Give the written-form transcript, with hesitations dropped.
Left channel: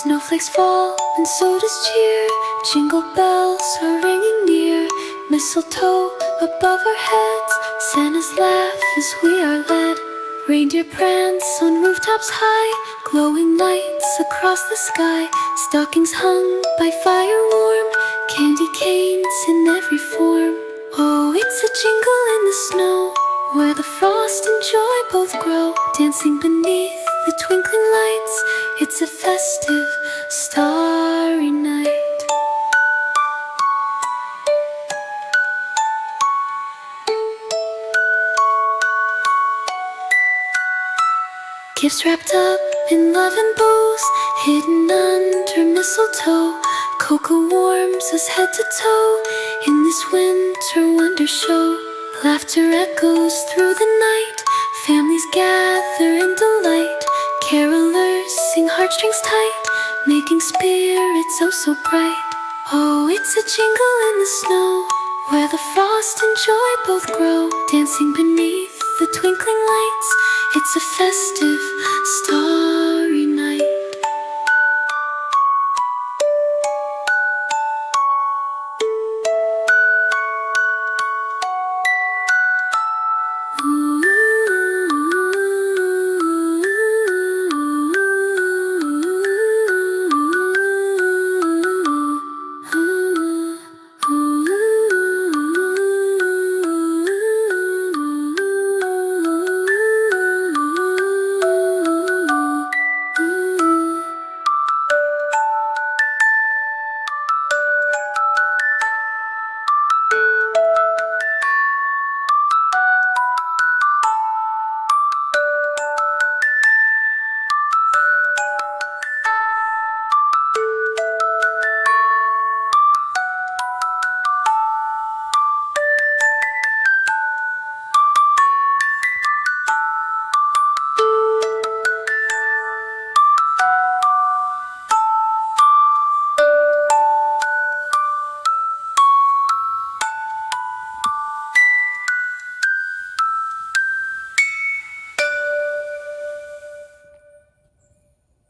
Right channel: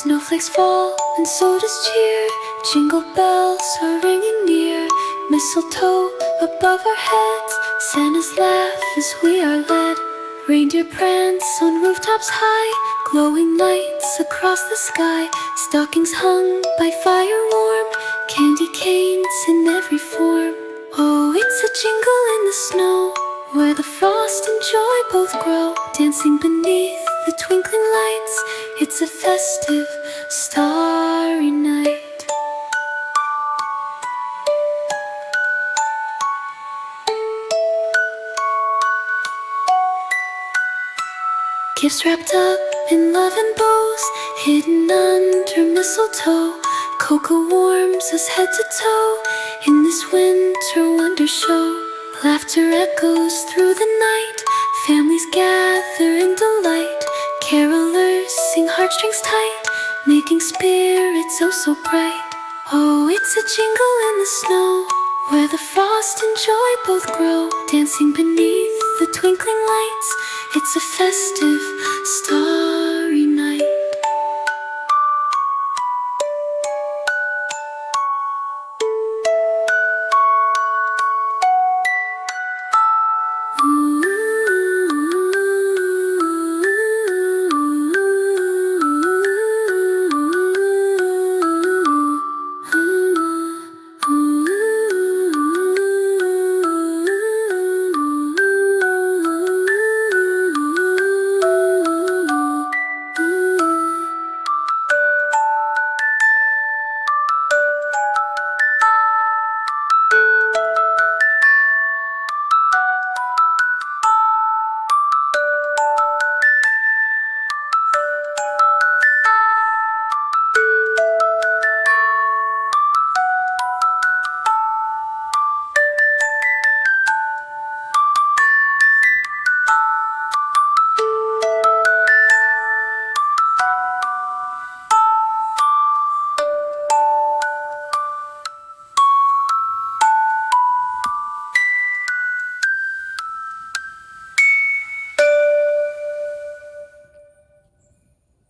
Snowflakes fall and so does cheer. Jingle bells are ringing near. Mistletoe above our heads, Santa's laugh as we are led. Reindeer prance on rooftops high, glowing lights across the sky. Stockings hung by fire warm, candy canes in every form. Oh, it's a jingle in the snow, where the frost and joy both grow. Dancing beneath the twinkling lights, it's a festive, starry night. Gifts wrapped up in love and bows, hidden under mistletoe. Cocoa warms us head to toe in this winter wonder show. Laughter echoes through the night, families gather in delight. Carolers sing heartstrings tight, making spirits oh so bright. Oh, it's a jingle in the snow, where the frost and joy both grow. Dancing beneath the twinkling lights, it's a festive, starry